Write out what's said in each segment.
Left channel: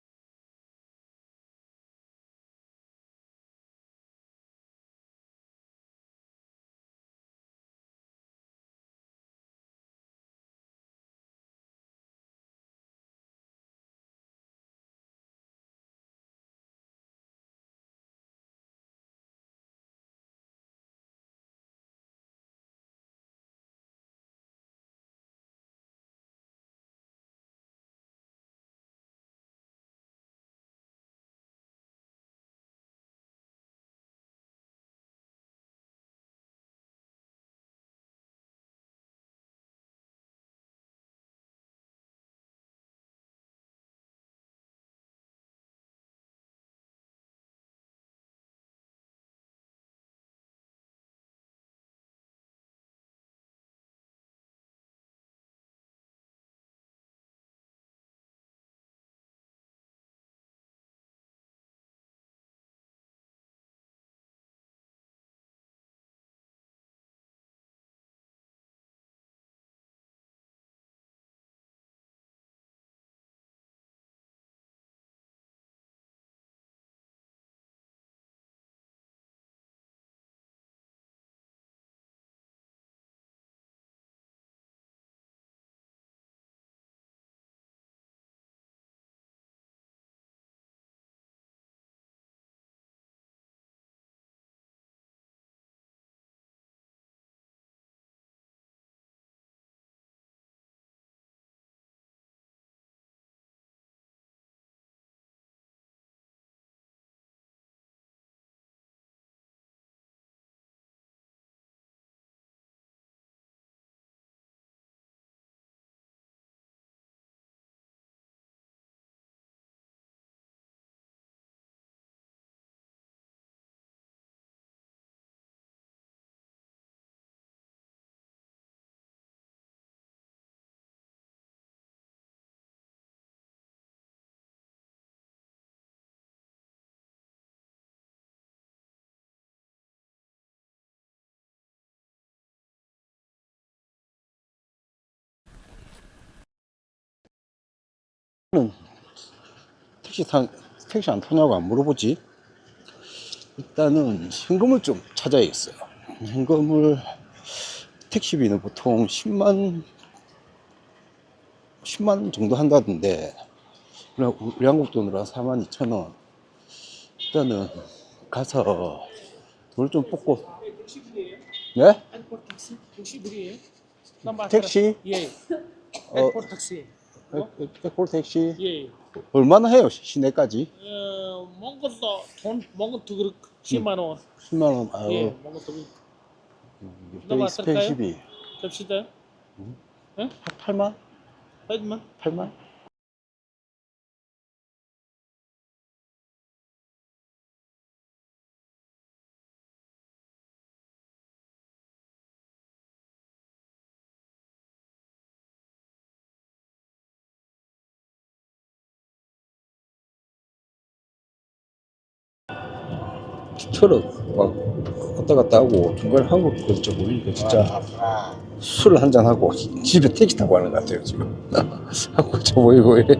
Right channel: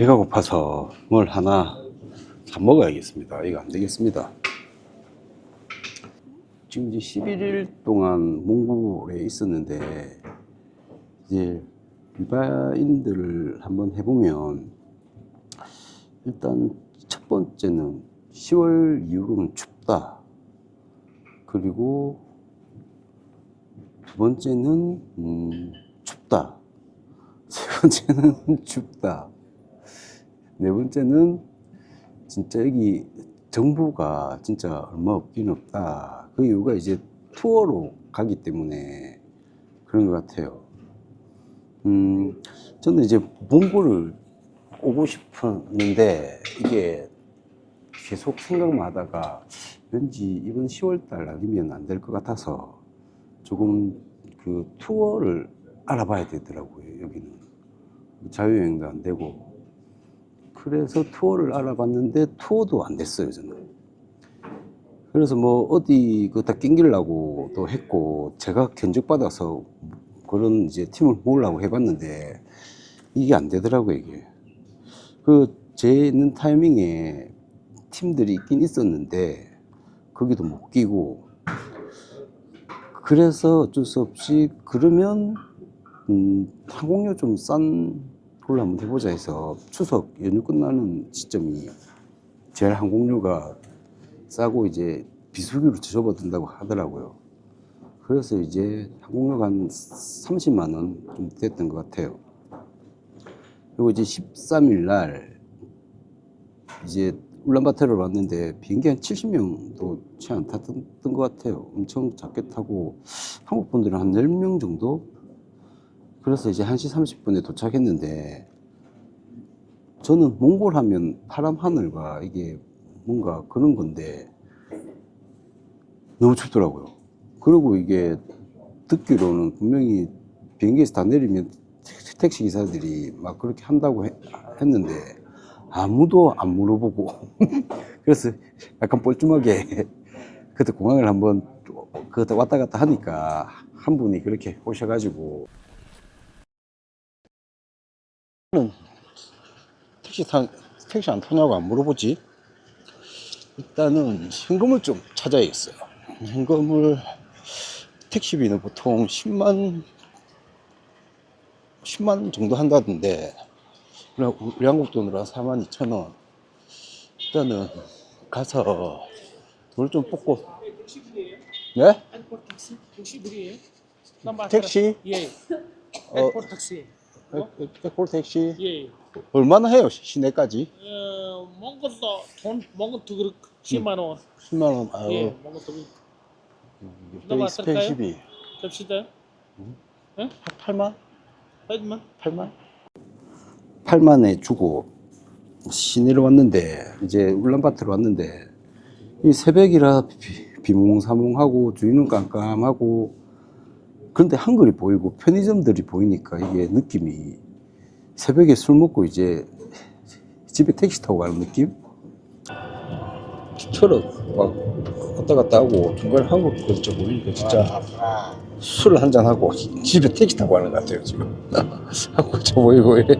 배가 고파서 뭘 하나 사 먹어야겠습니다. 이거 안 되겠습니다. 지금 이제 11일 동안 몽골에 있었는데, 이제 일반인들을 한번 해보면, 일단 첫 번째는 10월 이후로는 춥다. 그리고 두 번째는 춥다. 세 번째는 춥다. 네 번째는 진짜 여기 정보가 진짜 얼마 없긴 없다. 그 이유가 이제 투어로 가기 때문에 그런 것 같아요. 저는 이제 몽골을 오고 싶었는데, 이게 계속 생각만 하다가 왠지 이번 10월달 아니면 안 될 것 같아서 조금 그 투어를 알아봐야 되더라고요. 여기는 자유여행도 안 되고. 그래서 투어를 알아봤는데 투어도 안 됐어요, 저는. 그래서 뭐 어디 그다 낑기려고 또 했고, 제가 견적받아서 그런 이제 팀을 모으려고 해봤는데 이게 안 되더라고요. 이게 그 제 있는 타이밍에 팀들이 있긴 있었는데 거기도 못 끼고, 그래서 어쩔 수 없이 그러면 항공료 좀 싼 걸로 한번 해보자 해서 추석 연휴 끝나는 시점이 제일 항공료가 싸고 이제 비수기로 접어든다고 하더라고요. 그래서 이제 항공료가 한 30만 원 좀 됐던 것 같아요. 그리고 이제 13일 날 이제 울란바토르로 왔는데 비행기 한 70명도 채 안 탔던 것 같아요. 엄청 작게 타고 한국 분들은 한 10명 정도. 그래서 이제 1시 30분에 도착했는데, 저는 몽골 하면 파란 하늘과 이게 뭔가 그런 건데 너무 춥더라고요. 그리고 이게 듣기로는 분명히 비행기에서 다 내리면 택시 기사들이 막 그렇게 한다고 했는데 아무도 안 물어보고 그래서 약간 뻘쭘하게 그때 공항을 한번 그때 왔다 갔다 하니까 한 분이 그렇게 오셔가지고, 택시 타, 택시 안 타냐고 안 물어보지. 일단은 현금을 좀 찾아야겠어요. 현금을, 택시비는 보통 10만 정도 한다던데, 우리 한국 돈으로 한 42,000원. 일단은 가서 돈 좀 뽑고. 네? 에어포트 택시? 택시 물이에요? 넘버 택시? 예. 어, 에어포트 택시. 에콜 택시? 예. 얼마나 해요, 시내까지? 먹은 것도 돈 먹은 것도 그렇고 10만 원. 10만 원. 예. 아유, 먹은 것도 그렇고. 또 넘버 할까요? 익스펜시비. 갑시다. 예? 8만? 하지만 8만? 8만에 주고 시내로 왔는데, 이제 울란바토르 왔는데, 이 새벽이라 비몽사몽하고 주위는 깜깜하고, 그런데 한글이 보이고 편의점들이 보이니까 이게 느낌이 새벽에 술 먹고 이제 집에 택시 타고 가는 느낌? 트럭 막 왔다 갔다 하고 중간에 한국 그저 보이니까 진짜 술 한잔 하고 집에 택시 타고 가는 것 같아요 지금. 한국 저 보이고 이래.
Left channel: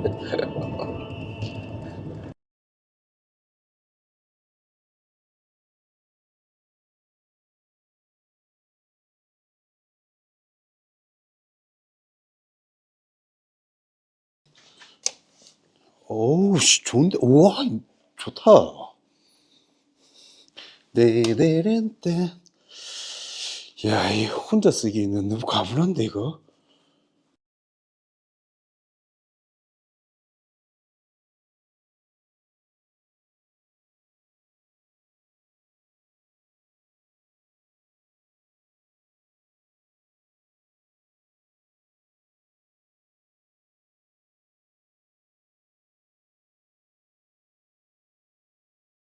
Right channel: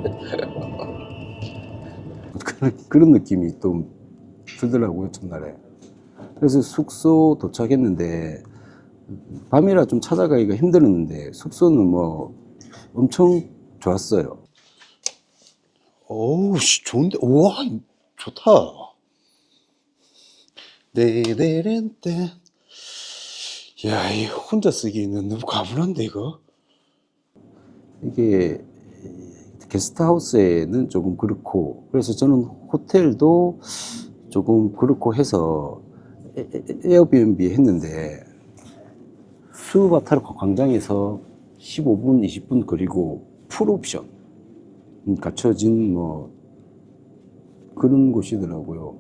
그런 느낌이 또 들더라고요 첫날에. 그래서 숙소 도착했는데 밤이라 좀 찾아가기가 힘들었는데 숙소는 뭐 엄청 좋았어요. 어우 씨 좋은데. 우와 좋다. 네네렌떼. 야, 이 혼자 쓰기에는 너무 가불한데 이거. 이게 게스트하우스에는 조금 그렇고, 그래서 저는 호텔도 조금 그렇고 해서 에어비앤비 했는데, 수바타르 광장에서 15분 20분 거리고 풀옵션 갖춰진 뭐 그런 곳이더라고요.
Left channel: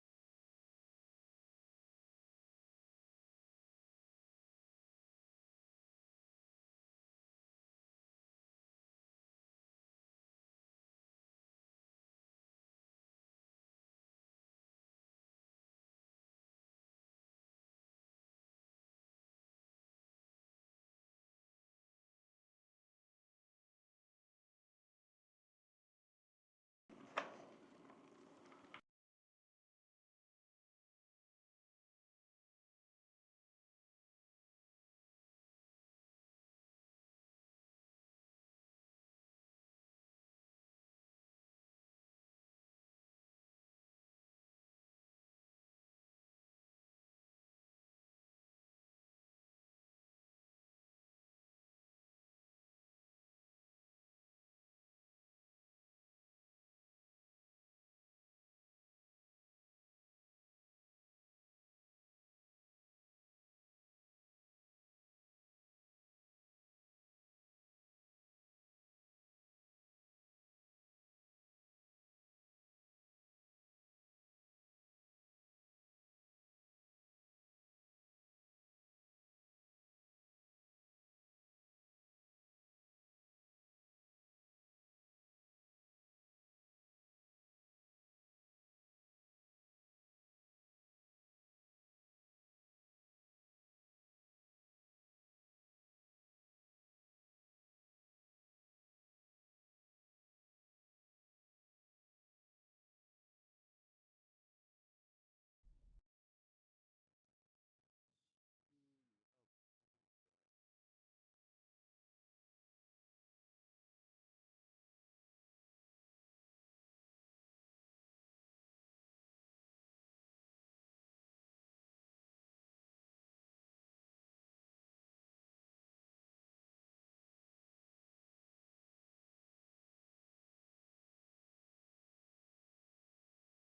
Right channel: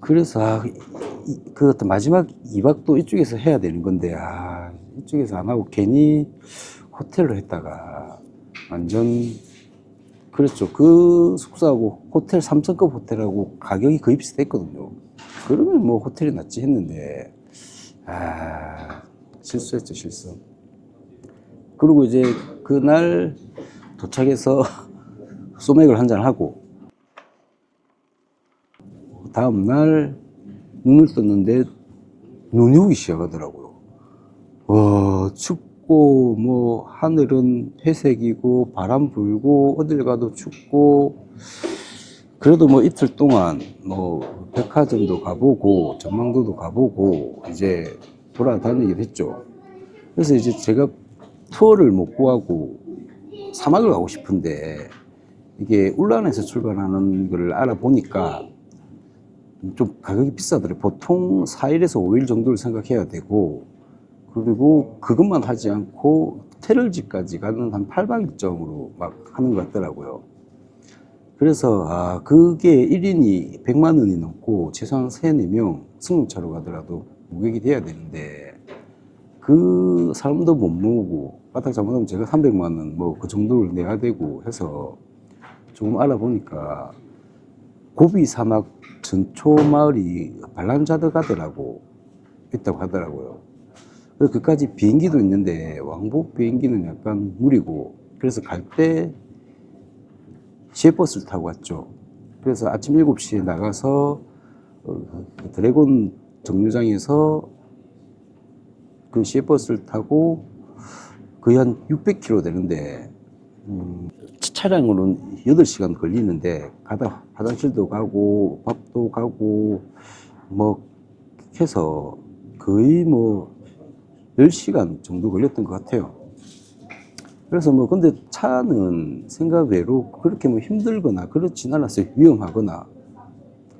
그래서 그 어떤 마지막 2박도 이쪽에서 해야 되는 건데, 이쪽에서 안 하고 괜히 호텔로 했다가 완전. 그렇죠. 그 숙소하고 호텔 3성급 호텔하고 가격이 거의 비슷했거든요. 그러면 뭐 호텔이 낫지 했는데, 실수했죠, 실수. 그리고 이제 그날 도착해서 소맥을 한잔 하고 다음 날 눈을 떴는데 눈이 오기 시작하더라고요. 와, 춥고 뭐 하늘은 회색이고 바람 불고 어딜 가도 춥고, 그래도 뭐 이틀 동안 뭐 백화점도 가보고 전망도도 가보고 이제 돌아다니긴 했죠. 그래서 이제 제가 투어를 못 구하고 사막을 가고 싶은데, 이게 울란에서 출발하는 걸 알아보니까 좀 가격이 비싸더라고요. 보통 4일에서 5일 정도를 생각해야 되고, 그리고 그것만 하지 않고 테럴지까지 가는 한 8박 일정으로 막 하는 것 같더라고요. 그래서 그게 1인이 100만 원이 넘고 최소한 3, 4명 승용차로 가더라도 무객이 돼야 되는데, 그 사람도 못 모으고 바닥 잘못하면 제가 300만 원 뭐 그 정도를 내야 되고 해서 조금 알아보니까 고비 사막 전초 마을이 발란자드가드라고 있다고 하더라고요. 그래서 그까지 비행기도 있는데 왕복 비행기는 약간 무리고, 그래서 갈 때 시외버스를 타고 갔죠. 그래서 아침 7시에 나가서 드래곤 정류장에서 그 시외버스를 타고 거의 한 600km 되는데, 차량으로는 8시간 걸리는데 가다 화장실도 가고 밥도 가고 뭐 해서 거의 뭐 10시간 정도 걸렸던 것 같아요. 그래서 뭐 근데 차는 생각 외로 그렇게 뭐 힘들거나 그렇진 않았어요. 위험하거나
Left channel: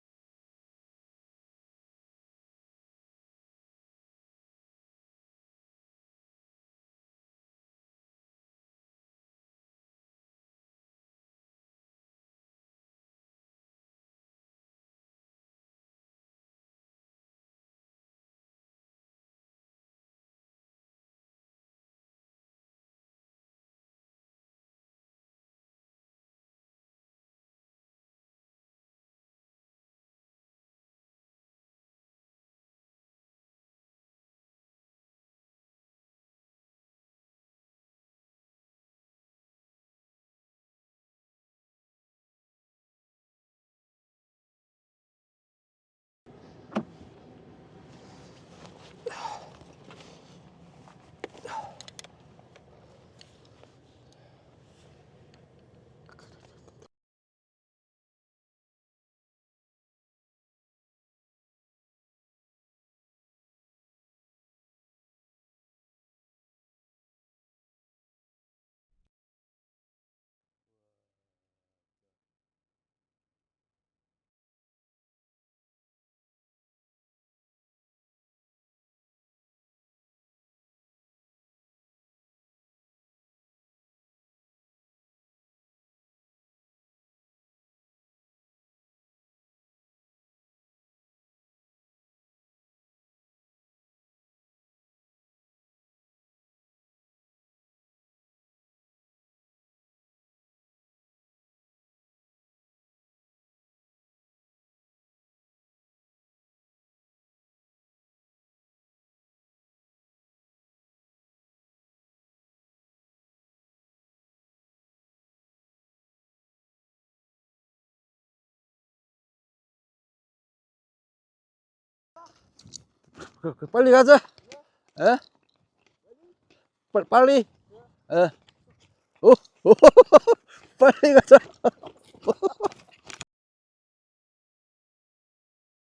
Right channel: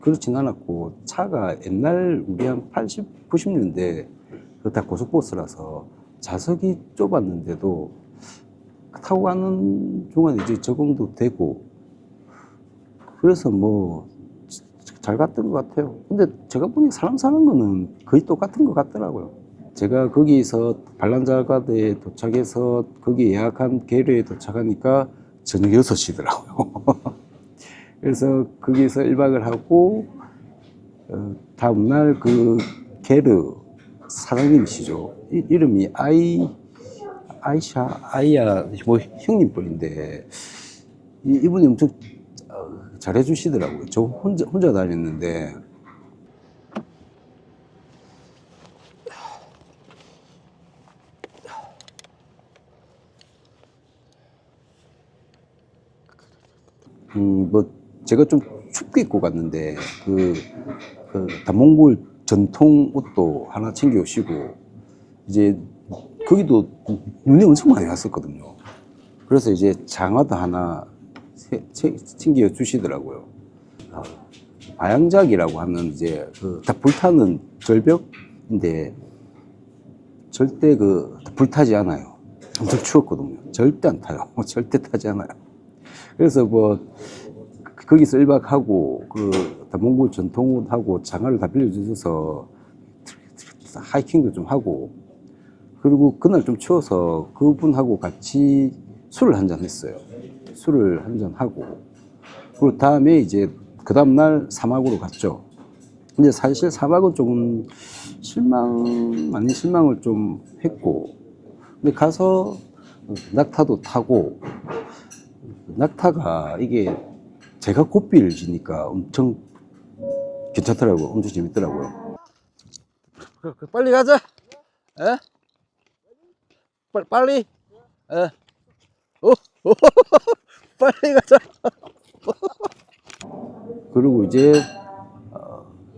그렇진 않았고, 차가 옛날 우리 한 80, 90년대 그 다 고속버스라서 좌석이 좁았는데도 타고 가는 동안에 이제 적응도 되고, 그래서 뭐 잘 갔던 것 같아요. 근데 제가 보니 사람 사는 거는 거의 똑같은 것 같더라고요. 제가 거기서 발란자가드에 도착해서 거기 예약한 게르에 도착하니까 저녁 6시더라고요. 그래서 거기서 1박을 하고 다음날 그 게르 사장님이시죠. 이름이 아이야 뭐 형님 뻘인데, 이분이 엄청 잘해주시더라고요. 저 혼자 다녔는데. 뭐 제가 좀 춥게 입고 갔는데 그 다몽골 전통 옷도 하나 챙겨 오시고, 이제 거기도 눈이 엄청 많이 왔었거든요. 그래서 이제 장화도 하나 챙겨 주시더라고요. 바양작이라고 하는 이제 다 불타는 절벽인데 절대 불타지 않아요. 엄청 추웠거든요. 절대 안 타요. 절대 타지 않아요. 그래서 뭐 거기서 1박 하고 그 몽골 전통옷하고 장화를 다 빌려주셔서 하이킹도 좀 하고, 그리고 그날 좀 추워서 그분하고 같이 술을 한잔 했어요. 술을 한잔 하고, 그리고 다음에 이제 그 다음날 사막으로 갔죠. 근데 사실 사막은 조금 실망 아닌 실망을 좀 했고, 근데 가서 낙타도 타고, 낙타가 이게 제가 고삐를 지니까 엄청 괜찮더라고요. 엄청 재밌더라고요. 빨리 가자. 에? 빨리. 에. 오. 빨리 가자. 그리고 이제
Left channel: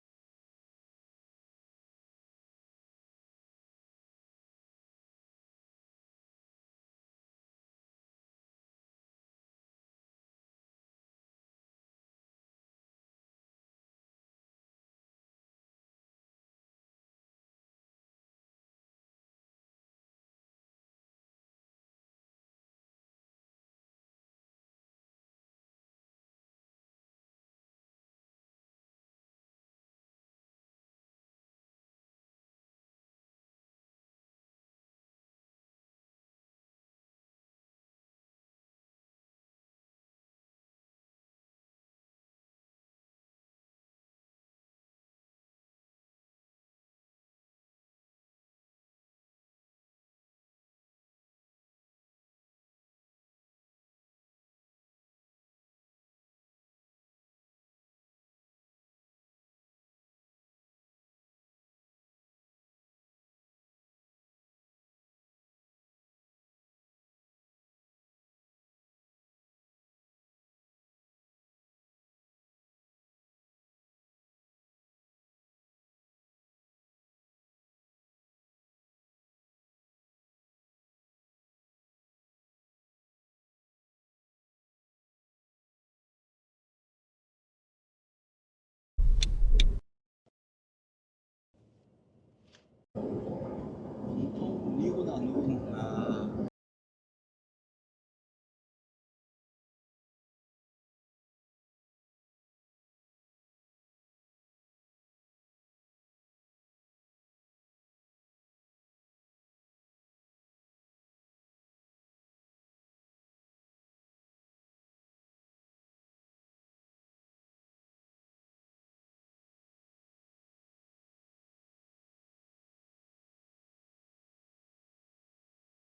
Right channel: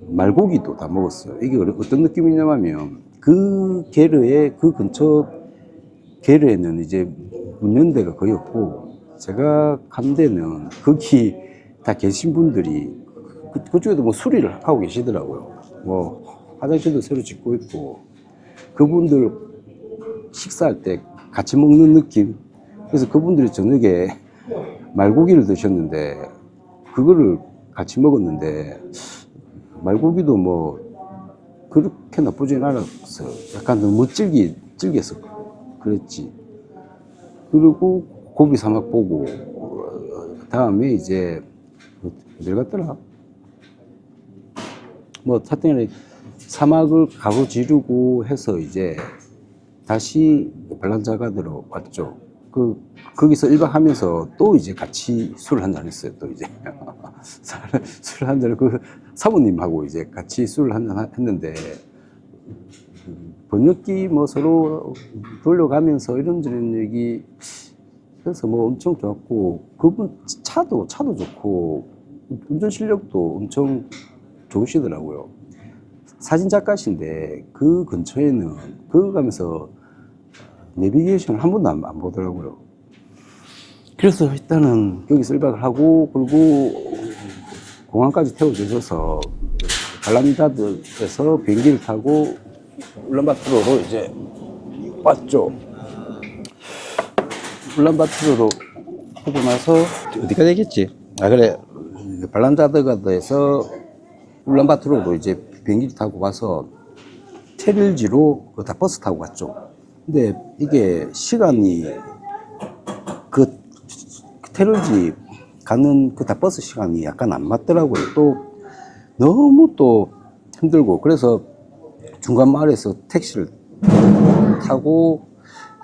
말고기도 다 먹었어요. 이게 어떤 느낌이냐면 그 게르에 그 근처 게르에는 이제 문 연 데가 거의 없고, 제가 간 데는 거기 다 계신 분들이 그쪽에도 뭐 수리를 하고 계시더라고요. 뭐 화장실도 새로 짓고 있고, 그분들 식사할 때 같이 먹는 느낌. 그래서 그분들이 저녁에 말고기를 드셨는데 그거를 같이 먹었는데, 말고기도 뭐 그렇게 나쁘진 않았어요. 약간 너무 질겼어. 그랬지. 그리고 고비 사막 보고 다음에 이제 어딜 갔더라? 뭐 하여튼 사막을 가로지르고 해서 이제 다시 발란자가드로 왔죠. 거기서 1박 하면서 또 이제 같이 술을 한잔 했어요. 또 이제 술 한잔을 그 사모님하고 이제 같이 술을 한잔 했는데 번역기 뭐 서로 돌려가면서 이런저런 얘기 해서 뭐 엄청 좋았고 그분 차도 좋고 운전 실력도 엄청 좋으시더라고요. 사진 작가신데 그 근처에는 그거 가면서 내비게이션을 한 번도 안 보더라고요. 그래서 일단은 여기서 1박을 하고 그리고 공항까지 태워주셔서 발란다드에서 비행기를 타고 울란바토르로 이제 왔죠. 울란바토르로 하고 나서 어디가 되겠지? 아 그래 발란다드가에서 울란바토르로 이제 비행기를 타고 가서 테릴지로 다 버스 타고 갔죠. 근데 이게 시간이 그 테릴지 가는 그 다 버스 시간이 약간 안 맞더라고요. 또 너무 또 힘들고 그래서 중간 마을에서 택시를 타고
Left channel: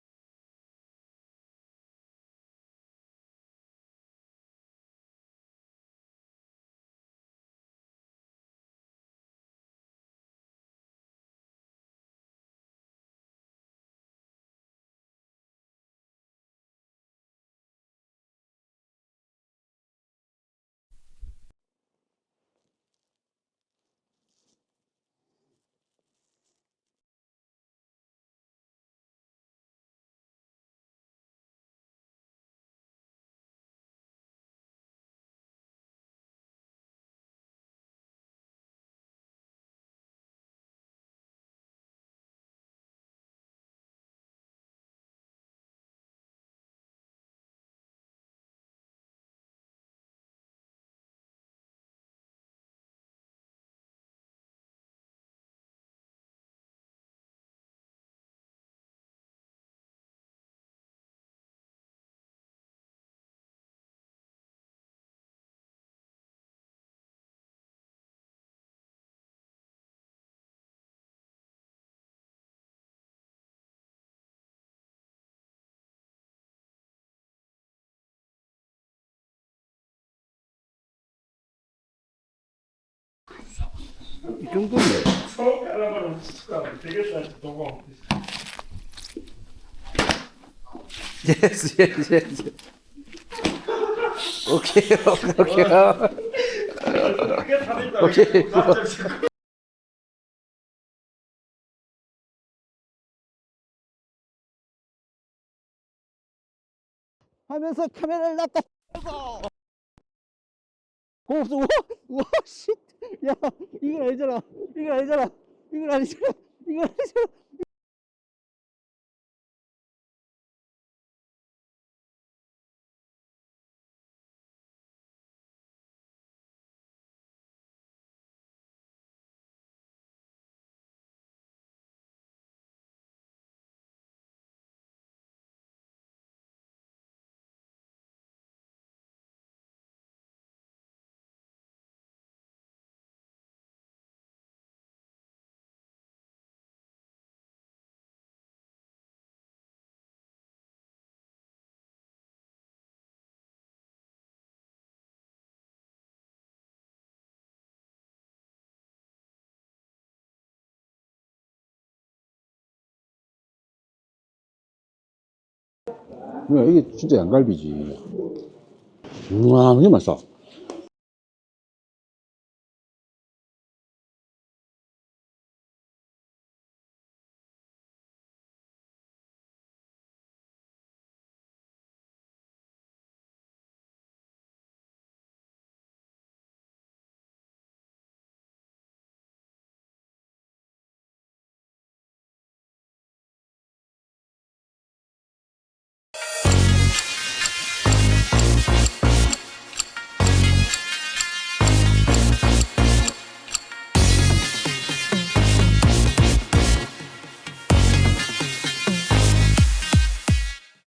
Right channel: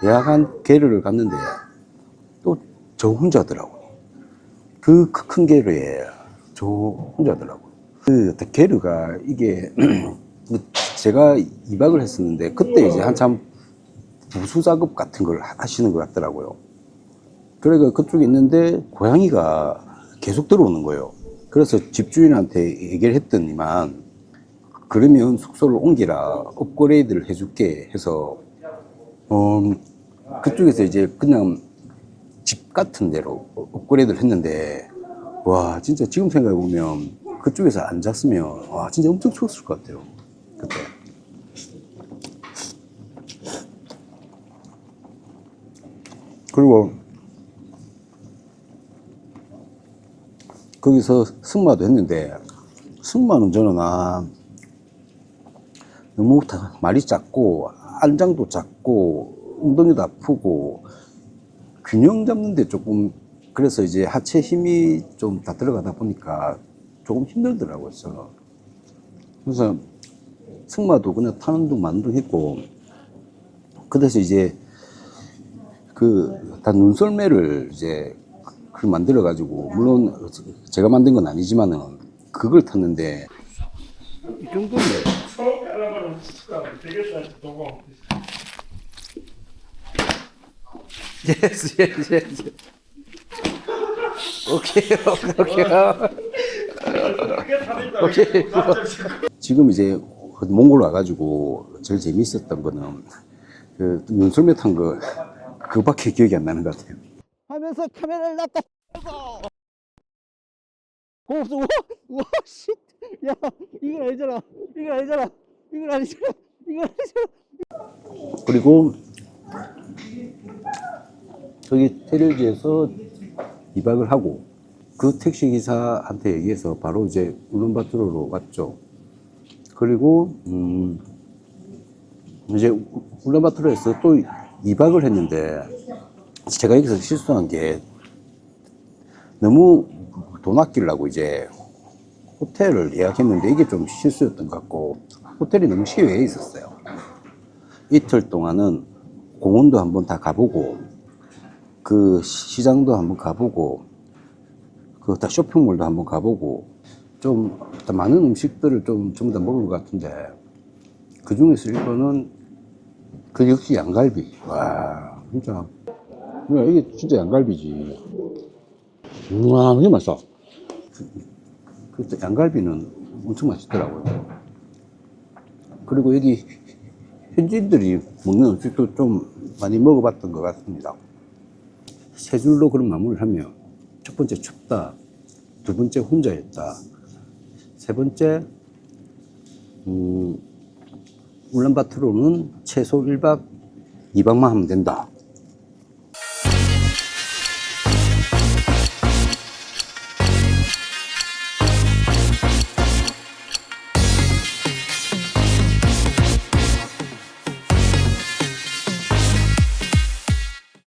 예약한 게르를 갔는데 또 저 혼자더라고요. 그 큰 게르에 저 혼자더라고요. 그 게르가 이게 제가 2박을 했었는데 그때 이제 한참 부수 작업 같은 걸 하시는 것 같더라고요. 그래가 그쪽에 있는데 고양이가 계속 들어오는 거예요. 그래서 집주인한테 얘기를 했더니만 그러면 숙소를 옮기라 업그레이드를 해줄게 해서 그쪽에서 이제 그냥 집 같은 데로 업그레이드를 했는데 와 진짜 지금 생각해 보면 그쪽에서 안 잤으면 와 진짜 엄청 추웠을 것 같아요 그때. 그리고 거기서 승마도 했는데 승마는 저는 너무 말이 작고 안장도 작고 엉덩이도 아프고 균형 잡는데 조금 그래서 이제 하체 힘이 좀 다 들어가다 보니까 조금 힘들더라고요. 그래서 승마도 그냥 타는 둥 마는 둥 했고 그래서 이제 그 다 눈썰매를 이제 그걸 만들어 가지고 물론 제가 만든 건 아니지만은 그걸 탔는데 이 정도면 예스 예스 예스 오케이 오케이 지금 이제 몽골 와가지고 제일 재밌었던 거는 그 눈썰매 탄 거 그밖에 기억이 안 나는 것 같아요. 하면서 카메라를 놨다 고맙소 와 씨. 야 이건 아니잖아 이건 아니잖아 이건 아니잖아 이건 아니잖아. 그리고 저기 테릴지에서 2박을 하고 그 택시 기사한테 얘기해서 바로 이제 울란바토르로 왔죠. 그리고 이제 울란바토르에서 또 2박을 했는데 제가 여기서 실수한 게 너무 돈 아끼려고 이제 호텔을 예약했는데 이게 좀 실수였던 것 같고 호텔이 너무 시외에 있었어요. 이틀 동안은 공원도 한번 다 가보고 그 시장도 한번 가보고 그 다 쇼핑몰도 한번 가보고 좀 많은 음식들을 좀 전부 다 먹을 것 같은데 그 중에서 일본은 그 역시 양갈비. 와 진짜 야, 이게 진짜 양갈비지. 와 이게 맛있어. 그 양갈비는 엄청 맛있더라고요. 그리고 여기 현지인들이 먹는 음식도 좀 많이 먹어봤던 것 같습니다. 세 줄로 그런 마무리를 하면 첫 번째 춥다, 두 번째 혼자였다, 세 번째 울란바토르는 최소 1박 2박만 하면 된다.